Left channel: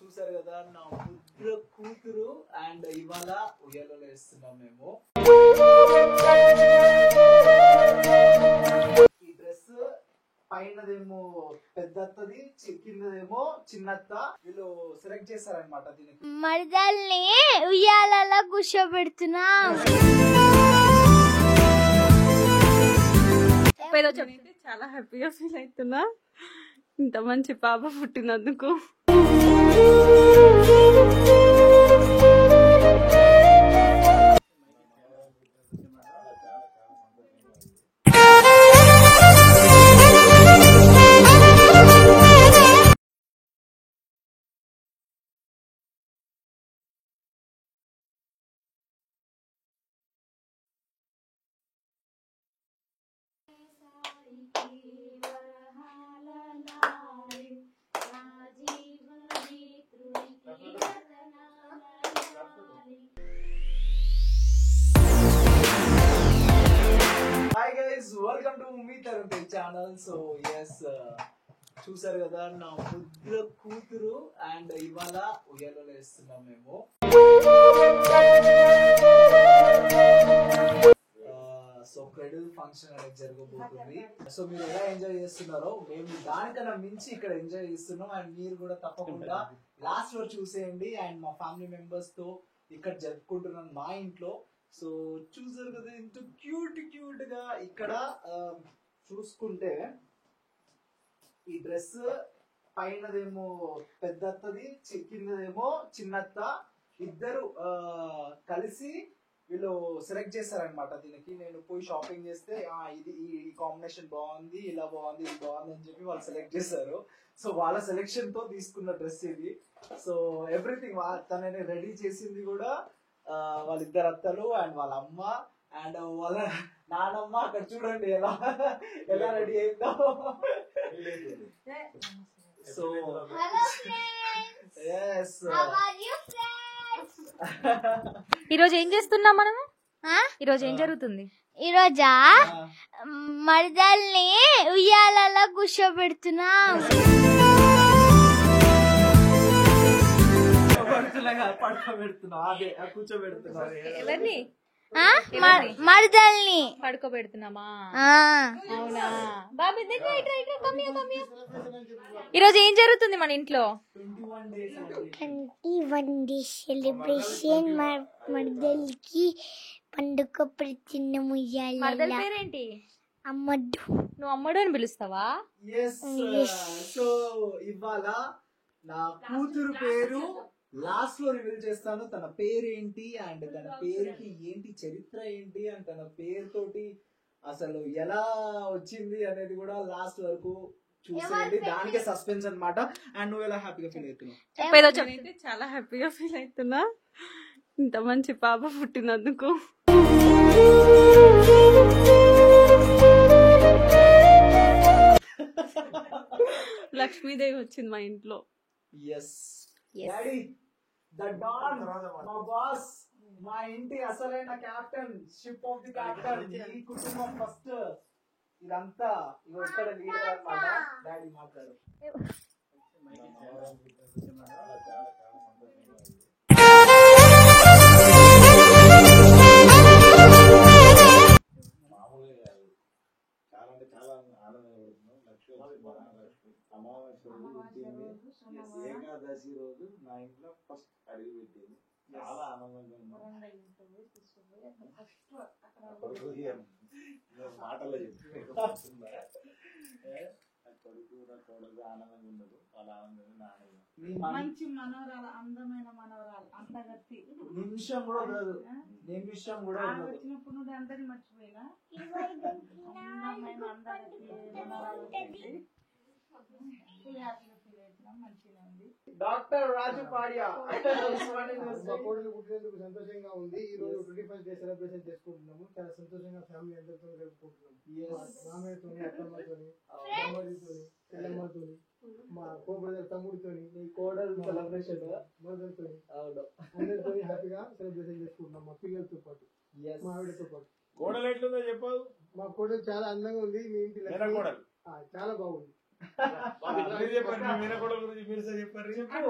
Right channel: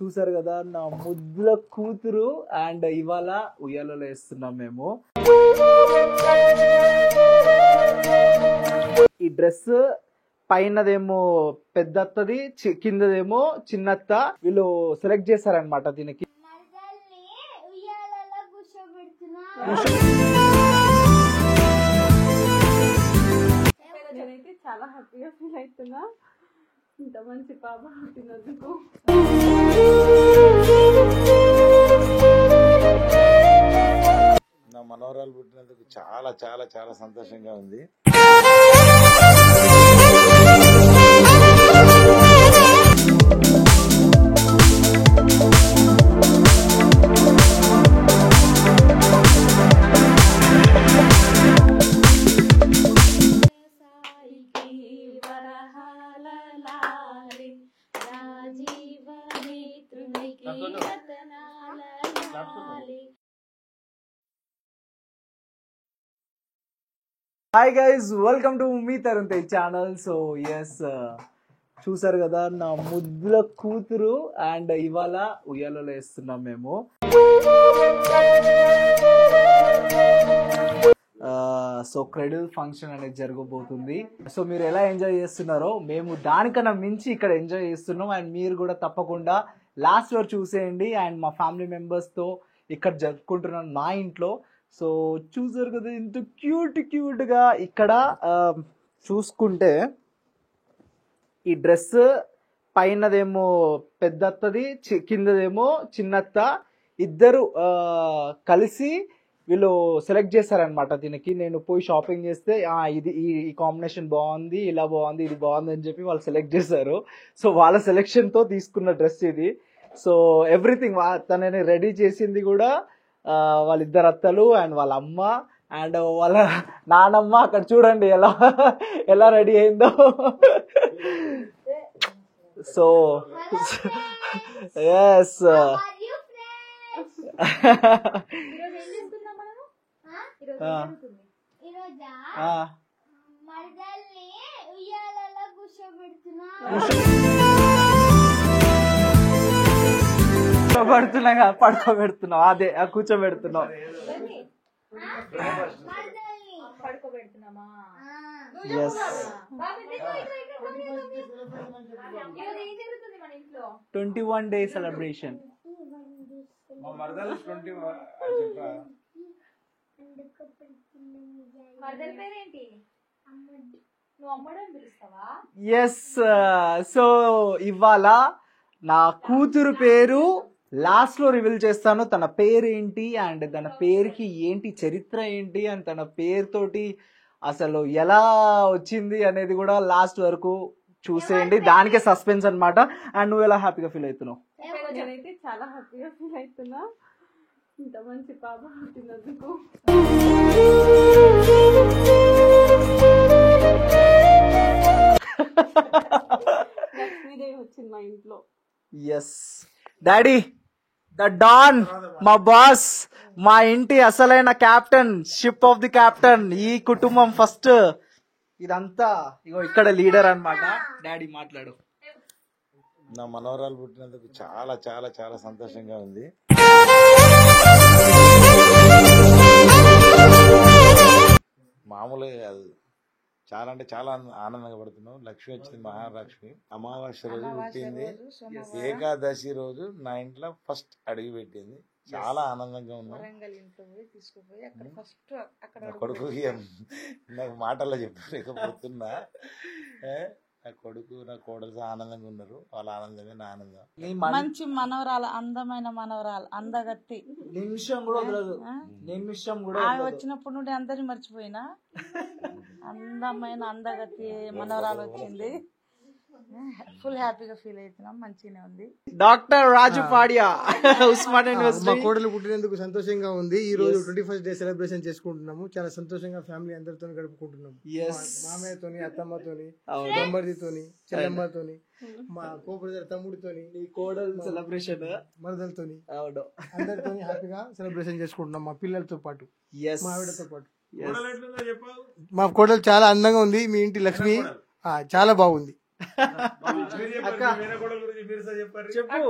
చూసారు కదా నా ముద్దుల కూతురు అండ్ ఇవాళ ఉయ్యాలలో వేస్తున్నాం మేము. ఈ డ్రెస్ పైనదేమో పెద్దత్తది, కిందదేమో చిన్నత్త. వీళ్ళు సెలెక్ట్ చేశారనమాట దీనికి. మరదల్ని ఉయ్యాలలో కూర్చోబెడుతున్నా. చాలా హ్యాపీగా ఫీల్ అవుతున్నా ఇంత మంచి పాప పుట్టినందుకు. నా మనవరాలు పుట్టినందుకు చాలా చాలా చాలా సంతోషంగా ఉంది. హాయ్ గైస్, వెల్కమ్ టు మీ Tarun Tej channel. So yes, చూసారు కదా నా ముద్దుల కూతురు అండ్ ఇవాళ ఉయ్యాలలో వేస్తున్నాం మేము. సో క్రెడిల్ ఫంక్షన్ అనేది జరగబోతుంది. సో మీరు ఎలా ఎంజాయ్ చేస్తున్నారో మేము దానికన్నా మించి ఇక్కడ ఎంజాయ్ చేస్తున్నాం. అండ్ మీరు కూడా తప్పకుండా లాస్ట్ వరకు చూసేయండి. అండ్ మా ఫ్యామిలీ మెంబర్స్తో ఇక్కడ జరుపుకుంటున్నాను మా ఇంట్లో. సో చూసారు కదా ఇంత క్యూట్గా. ఇక్కడ చూసుకుంటే ఈ డ్రెస్ పైనదేమో పెద్దత్తది, కిందదేమో చిన్నత్త. ఇద్దరు కలిసి వీళ్ళు సెలెక్ట్ చేశారనమాట దీనికి. నేను పోయి షాపింగ్ చేస్తే ఇది ఈ కాంబినేషన్ బాగుంది, ఇలా బాగుంది, ఇది బాగుంది అని చెప్పి వాళ్ళు సెలెక్ట్ చేశారు. సో వాళ్ళ సెలెక్షన్తో తీసుకున్న డ్రెస్ ఇది. సో ఎవ్రీథింగ్ తనని రెడీ చేసింది కూడా వాళ్ళిద్దరు అత్తలు అండ్ వాళ్ళ అమ్మ అండ్ వాళ్ళ నానమ్మ. అక్కడ చూడండి ఎలా ఎలా రెడీ అయిందో. సో ఎస్, ఈరోజు ఏం చేస్తున్నాం మనము? ఈరోజు ఏం జరుగుతుంది? ఈరోజా మరదల్ని ఉయ్యాలలో కూర్చోబెడుతున్నా. పడుకోబెడుతున్నావు, అదే కూర్చోబెడుతున్నావు. మరదల్ని పడుకోబెడుతున్నామా? ఈరోజు ఈరోజు ఏం జరుగుతుంది మన ఇంట్లో? 21 day సెలబ్రేషన్. మరదల్కి పండుగ ప్రతిన్న మరదల పేరేంటి? అమ్మడు. నువ్వు అమ్మడు అని పిలుస్తావా? ఎస్. సో ఇవాళ నా కూతురు పేరు లాస్ట్ లో రివీల్ చేస్తాను. తన పేరు ఏంటి అండ్ తన పేరుకి ఏంటి చరిత్ర ఏంటి అండ్ తన పేరుతోటి అసలు ఎలా వచ్చింది అనేది కూడా లాస్ట్ వరకు చూసేయండి. దానికే సస్పెన్స్ అన్నమాట. అండ్ నువ్వు ఎలా హ్యాపీగా ఫీల్ అవుతున్నావు? నేనైతే చాలా హ్యాపీగా ఫీల్ అవుతున్నా ఇంత మంచి పాప పుట్టినందుకు. లక్ష్మీదేవి వచ్చింది మా ఇంట్లో. ఎస్ డాడీ, ద డాన్, మా బాస్, మా ఇంటి అసలైన captain, ship of the captain, ఈ కుటుంబం ఫస్ట్. ఇదంతా ఇగో ఇక్కడ లీడర్ అన్నమాట. డాడీ మాట్లాడు. నా మనవరాలు పుట్టినందుకు చాలా చాలా చాలా సంతోషంగా ఉంది. మామూలుగా కాదు, చాలా అంటే చాలా ఆనందంగా పడుతున్నాం. లక్ష్మి వచ్చింది, మహాలక్ష్మి. అమావాస్య రోజు పుట్టింది, ఏకాదశి రోజు నా ఇంట్లో ఫస్ట్ అడుగు పెట్టింది. చాలా ఆనందంగా ఉన్నాం. నా కొడుకుకి నాకు మాటల్లో చెప్పలేకపోతున్నా. నా కొడుకు నా కోడలు ఆనందంగా ఉన్నారు. వాళ్ళ ఆనందమే నా ఆనందం. మంచి మనవరాలు, అందమైన మనవరాలు, అందగత్తి. నిమిషం కూడా వదలదు, నిమిషం కూడా ఆమె వచ్చినప్పటి నుండి అందరిని మర్చిపోయినా అందమైన అందగత్తి మనవరాలు వచ్చింది. ఫుల్ హ్యాపీగా ఫీల్ అవుతున్నాం. మంచిగానే ఉంది. డాక్టర్ రాజు పాడియా, ఉస్మానియా యూనివర్సిటీ. మా కోడలు పుట్టినందుకు సంతోషంగా ఉంది. ఈ రోజు 21st డే సెలబ్రేషన్ చేసుకుంటున్నాము. చాలా సంతోషంగా ఫ్యామిలీ అందరితో గడుపుకుంటున్నాం. మామయ్యతోని, అత్తమ్మతోని, దంబర్దితోని, చెల్లమ్మతోని, మా కోపడి తమ్ముడితోని, కోడలు సెలబ్రేషన్ మరదలతోని, అందరితో హ్యాపీగా సెలబ్రేషన్ చేసుకుంటున్నాం. మా పిల్లలతో పాటు, మా ఆవిడతో పాటు. మా కోడలు చాలా అందంగా ఉంది. మీ ఇంటి లక్ష్మి చాలా బాగుంది. చెప్పు.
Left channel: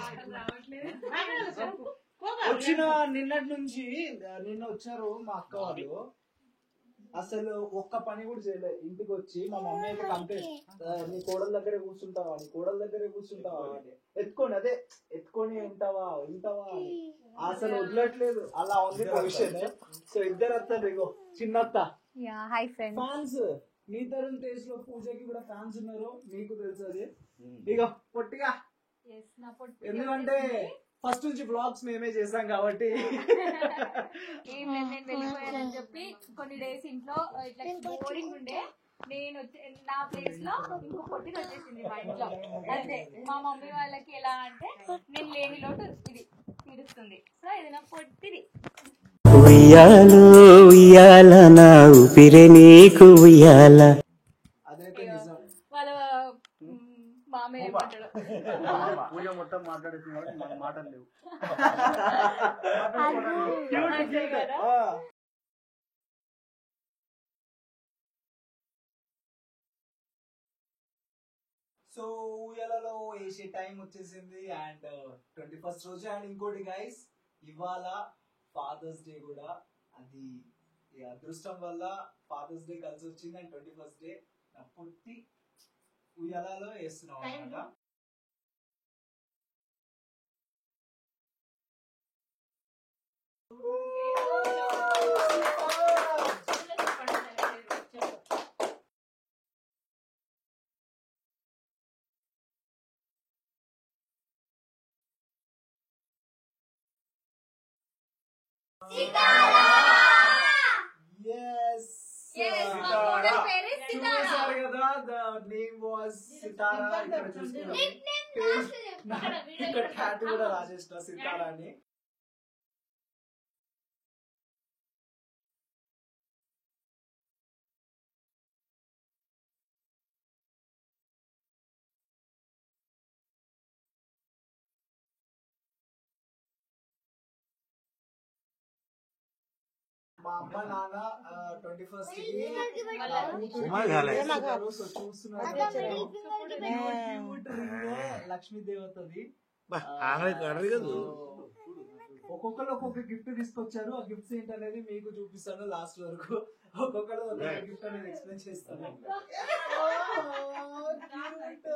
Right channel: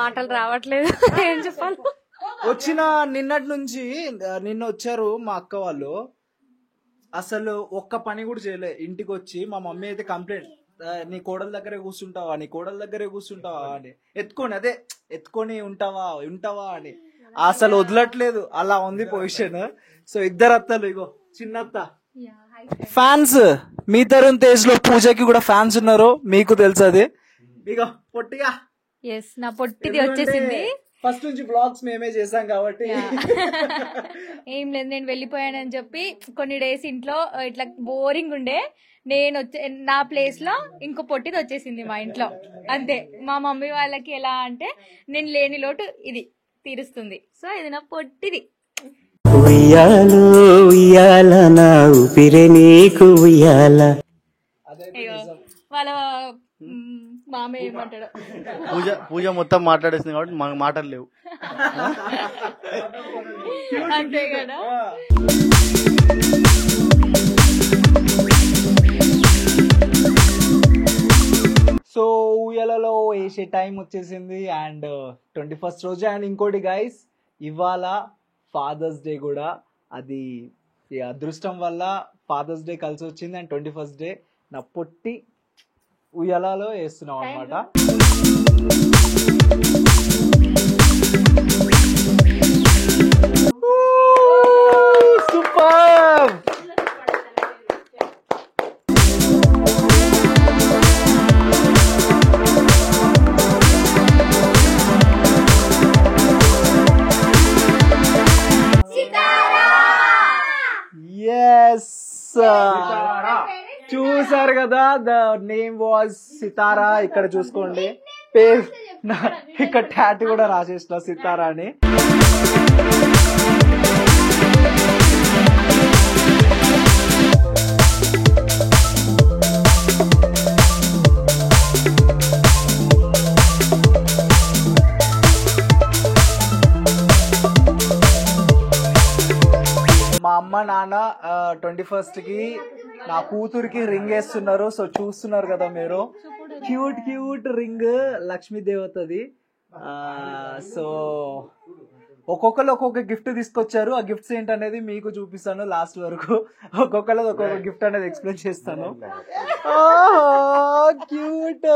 మాటలు రావట్లేదు ఏం చెప్పాలి. వచ్చిన నిన్నటి నుంచి నిన్న వచ్చారు మా అక్క వాళ్ళు, అసలు ఒక్క పని కూడా చేయలే. ఇంటికి వచ్చి మా మమ్మీ అయితే కంప్లైంట్, నీ కోడల దగ్గరే కూర్చుంటావా, నీ కోడల దగ్గరే కూర్చుంటావా అని ఎత్తుకొని ఉంటావా అని అసలు వదలట్లేదు. అలా ఉంది పొజిషన్. సో ఇద్దరు అత్తలు, ఇగో చిన్నత్త ఫ్యాన్స్. మీ తరుణ్ తేజ్ లో పూజకి కూడా ఫ్యాన్స్ ఉన్నారు, మీకు తెలుసు అది. ఇగో పొట్టిగా ఎస్, నా పొట్టిది వచ్చేసింది. ఫస్ట్ నుంచి బ్లాగ్స్ మేమే చేసాం కాబట్టి ఏం లేదు, నేను వెళ్ళిపోయానని చెప్పి కొన్ని డేస్ ఇంట్లో ఇట్లా బోరింగ్ ఉండే, నేను నా ప్లేస్ లో ఇంకో పొట్టిది వచ్చేసింది మా ఇంట్లో. అంతే. మా మమ్మీ వాళ్ళకి ఎలా అంటే నేను లేని లోటు ఇది తీరుస్తుంది. సో ఇది నా పొట్టిది. ఉయ్యాలో ఉయ్యాల నా ఊపిరే నీకు ఉయ్యాల. వాళ్ళ మామయ్య ఏమంటాడు, పూజ మొత్తం మాట్లాడేసింది కాబట్టి మాకు మాటలు లేవు. అంతే కదా. సో ఊయలలో వేసే టైం వచ్చేసింది అండ్ 21st రోజు. అండ్ ఇంకోటి గైస్, ఇవాళ ఫాదర్స్ డే కూడా. అది ఈ అదృష్టం వల్ల ఫాదర్స్ డే కలిసి వచ్చింది అండ్ 21st డే నా పొట్టి ఉయ్యాలలో వేస్తున్నాం అనమాట. సూపర్. ఎస్, చూసారు కదా, ద నేమ్ వాజ్ సితారా. ఇక్కడ చూసుకోండి పేరు, ఇక్కడ టాటూ కూడా రాసేసిన సితారా అని. మా అమ్మ నాన్న 21st కి నా కూతురికి రింగ్ వేస్తున్నారు. సో చూస్తున్నారు కదా మీరు, క్యూట్ రింగ్ లక్ష్మీ దేవతది. సో ఒక్కొక్కరు ఒక్కొక్క గిఫ్ట్ తీసుకొచ్చారు. ఆ గిఫ్ట్స్ ఏంటనేది మీకు చూపిస్తాను లాస్ట్ వరకు. ఒక్కొక్కరు ఒక్కొక్క గిఫ్ట్ అనేది ఎక్స్ప్లెయిన్ చేస్తాను. క్యూట్.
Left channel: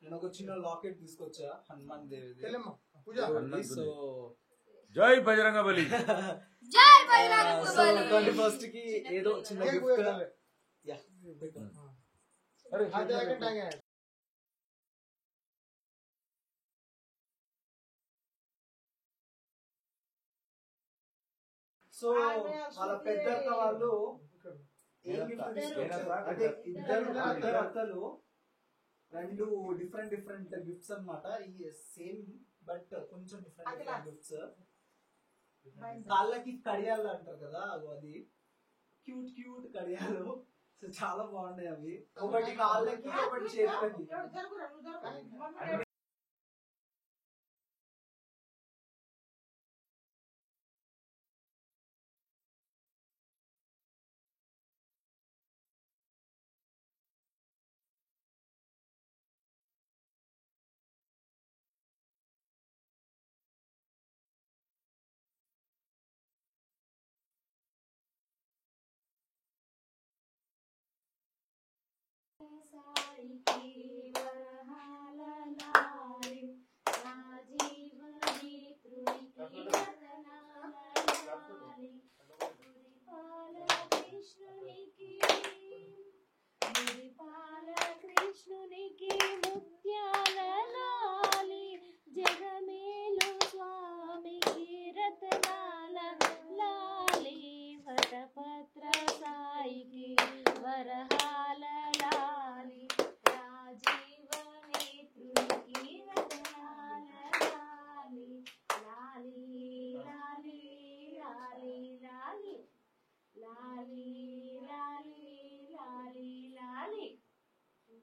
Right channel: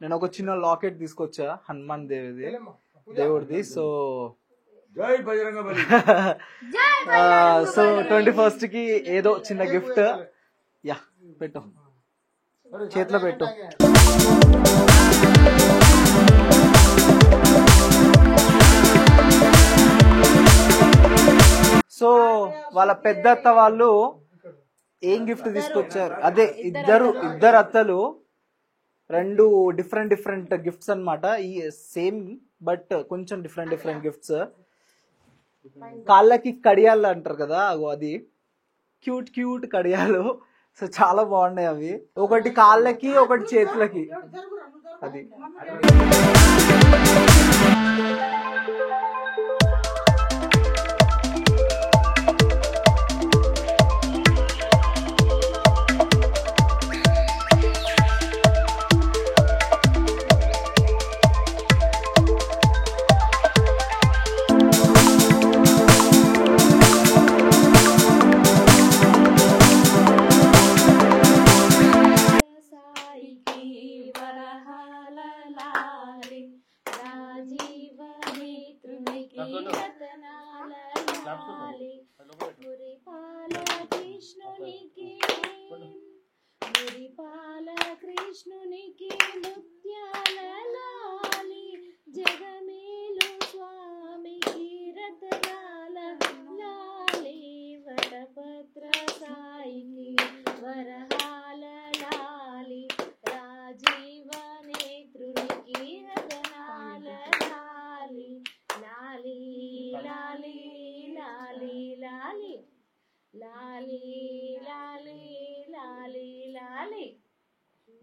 నేను ఒక చిన్న లాకెట్ తీసుకొచ్చా, హనుమాన్ దేవుడిది. సో జై బజరంగబలి. సో 21st కి ఏదో చిన్న గిఫ్ట్. యా, పెట్టు, చేతిలో పెట్టు. సో వాళ్ళ పెద్దత్త వాళ్ళు ఏం గిఫ్ట్ తీసుకొచ్చారు, అదే ఇద్దరు అత్తలు రెండు డిఫరెంట్ గిఫ్ట్స్ అన్నమాట. ఈ సేమ్ బట్ కొంచెం డిఫరెంట్ గిఫ్ట్స్. కాళ్ళకి కడియాలు అంటారు కదా, అది క్యూట్ కడియాలు. సో చాలా బాగున్నాయి అవి, ఒకటి కాళ్ళకి ఒకటి చేతులకి. అది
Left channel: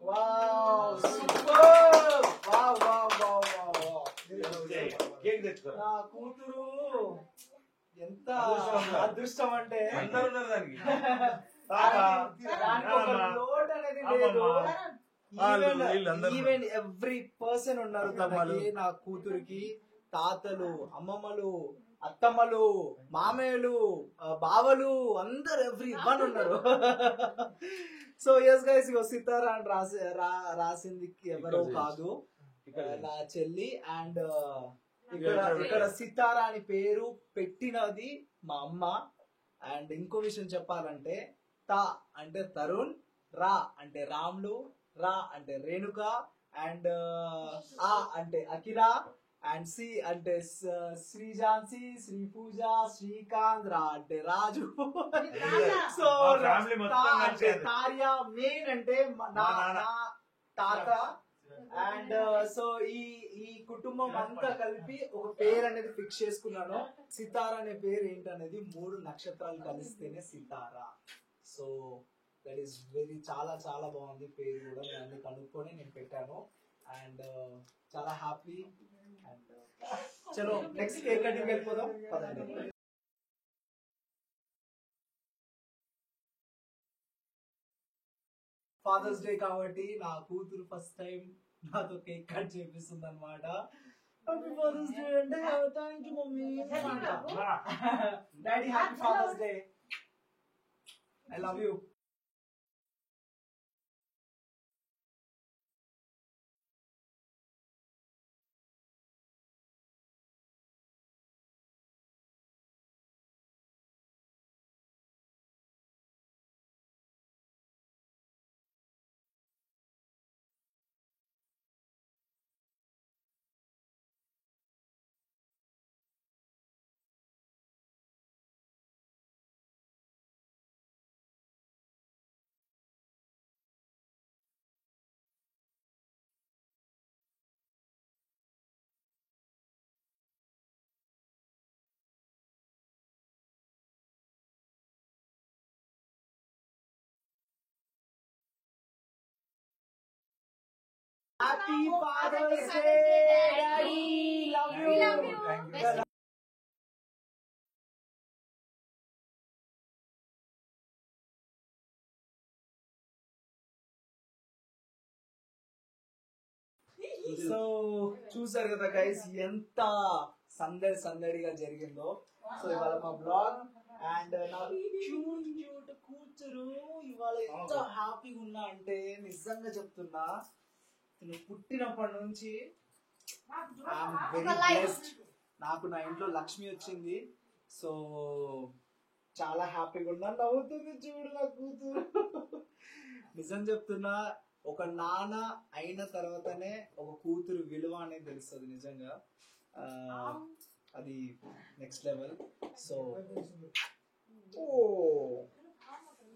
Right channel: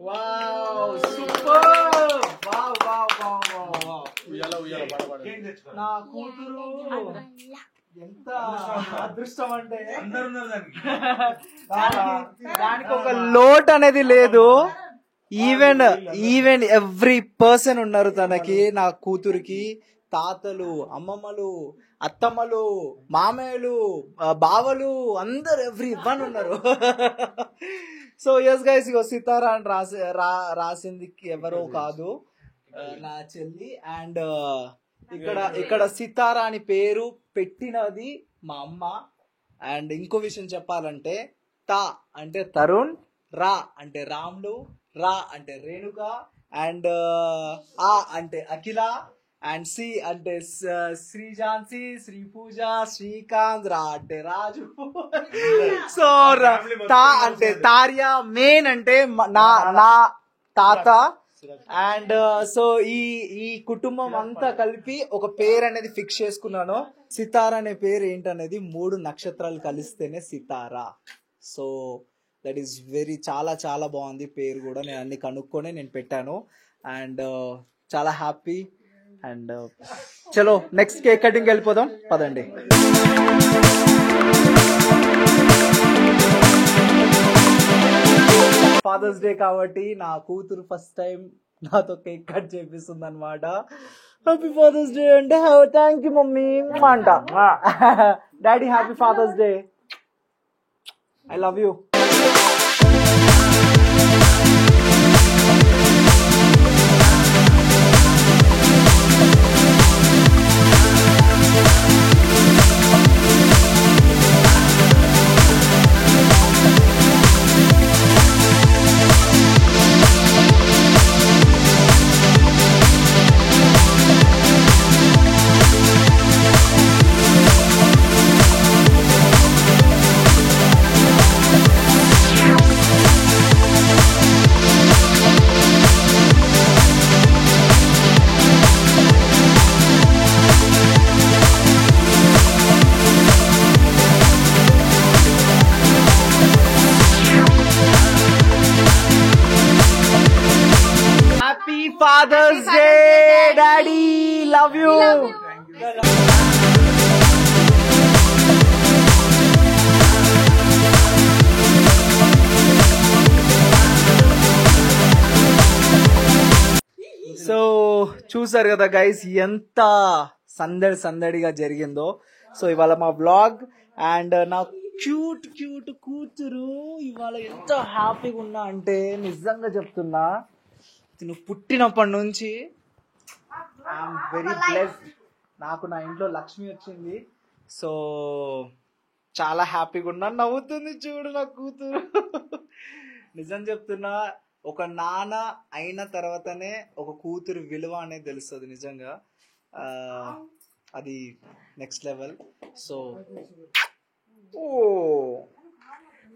wow super wow wow wow wow నా కూతురు ఎంత అదృష్టం అంటే దానికి ఒక లోట్ అనేది లేదు. ఈవెన్ ఎవ్రీ పర్సన్ ఉన్నారు తనకి, నా కూతురికి. తాతలు, అమ్మమ్మలు, అత్తమ్మలు, మామయ్యలు, బావలు, అందరు ఎవ్రీ వన్ ఉన్నారు. సో ఎస్ గైస్, ఇగో సితారా అని రాసింది ఎవరో కాదు, నా చెల్లి. అండ్ ఇక్కడ సితారా అని పేరు పెట్టినది మా అమ్మ. అండ్ ఇంకో విషయం చెప్పాలంటే, తా అంటే తరుణ్, రా అంటే రాములు, రా అంటే రేణుక, అండ్ ఆ అంటే అఖిల, అండ్ సి అంటే శ్రీజాన్సి, శ్రీ పూజ, శ్రీకాంత్, రా అంటే రాజు. సో తా అంటే తార్య, మెయిన్ అంటే నా తాత. అండ్ సో ఈ కుటుంబం అంతా కలిపి ఒక పేరు అనేది ఫిక్స్ చేసుకున్నాను. సితారా అనే పేరు ఏంటనేది 3 నక్షత్రాలు కలిస్తేనే సితారా. సో దట్ ఈస్ చాలా చాలా బాగుంది పేరు కూడా. నేను అన్ని కనుక్కొని నేను పెట్టాను. అండ్ చాలా హ్యాపీ. అండ్ చలో నెక్స్ట్ కేక్ కటింగ్ వెళ్ళిపోదాం పదండి. ఫాదర్స్ డే కాబట్టి నా కూతురు ఫస్ట్ టైం నాతో కేక్ కట్ చేపిస్తుంది అనమాట. హ్యాపీ ఫాదర్స్ డే అంటే థ్యాంక్ యూ మమ్మీ అంట. Daddy happy Father's Day, I love you. Father's Day, Daddy, love you. So చూసారు కదా గైస్, ఎంత సందడిగా జరిగిందో. సో ఇవాళ మా వ్లాగ్. అండ్ నా క్యూట్ కూతురు ఇవాళ ఎంత హ్యాపీగా ఉన్నా అంటే, నిజంగా చెప్తున్నా, నువ్వు పుట్టినప్పటి నుంచి ఐఎమ్ వెరీ బ్లెస్డ్. నాకు నా ఇంట్లో లక్ష్మి వచ్చింది. సో చాలా హ్యాపీగా ఉన్నా. నవ్వుతుంది చూడు నా కూతురు. నిజం చెప్తున్నా, ఒక నాన్న అయిన తర్వాతనే ఒక కూతురు విలువ అనేది తెలుస్తుంది నిజంగా. అది నెక్స్ట్ లెవెల్.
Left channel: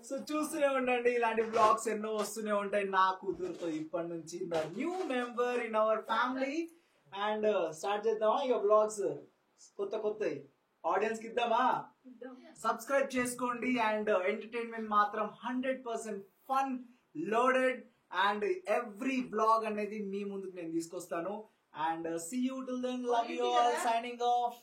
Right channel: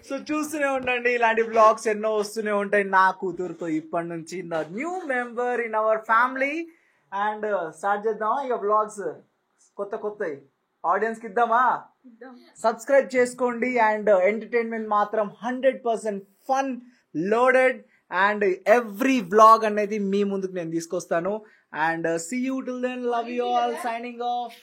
సో చూస్తూనే ఉండండి, ఇలాంటి బ్లాగ్స్ ఎన్నో వస్తూనే ఉంటాయి నా కూతురుతో ఇప్పటి నుంచి. The new member in our family. And start చేద్దామా ఇక బ్లాగ్స్ కొత్త ఆడియన్స్ కి ఇద్దామా? సబ్స్క్రైబ్ చేసుకోండి. అండ్ ఎంటర్టైన్మెంట్ మాత్రం 100% fun loaded. And every blog అనేది మీ ముందుకు నేను తీసుకొస్తాను. And see you till then, love you all, signing of.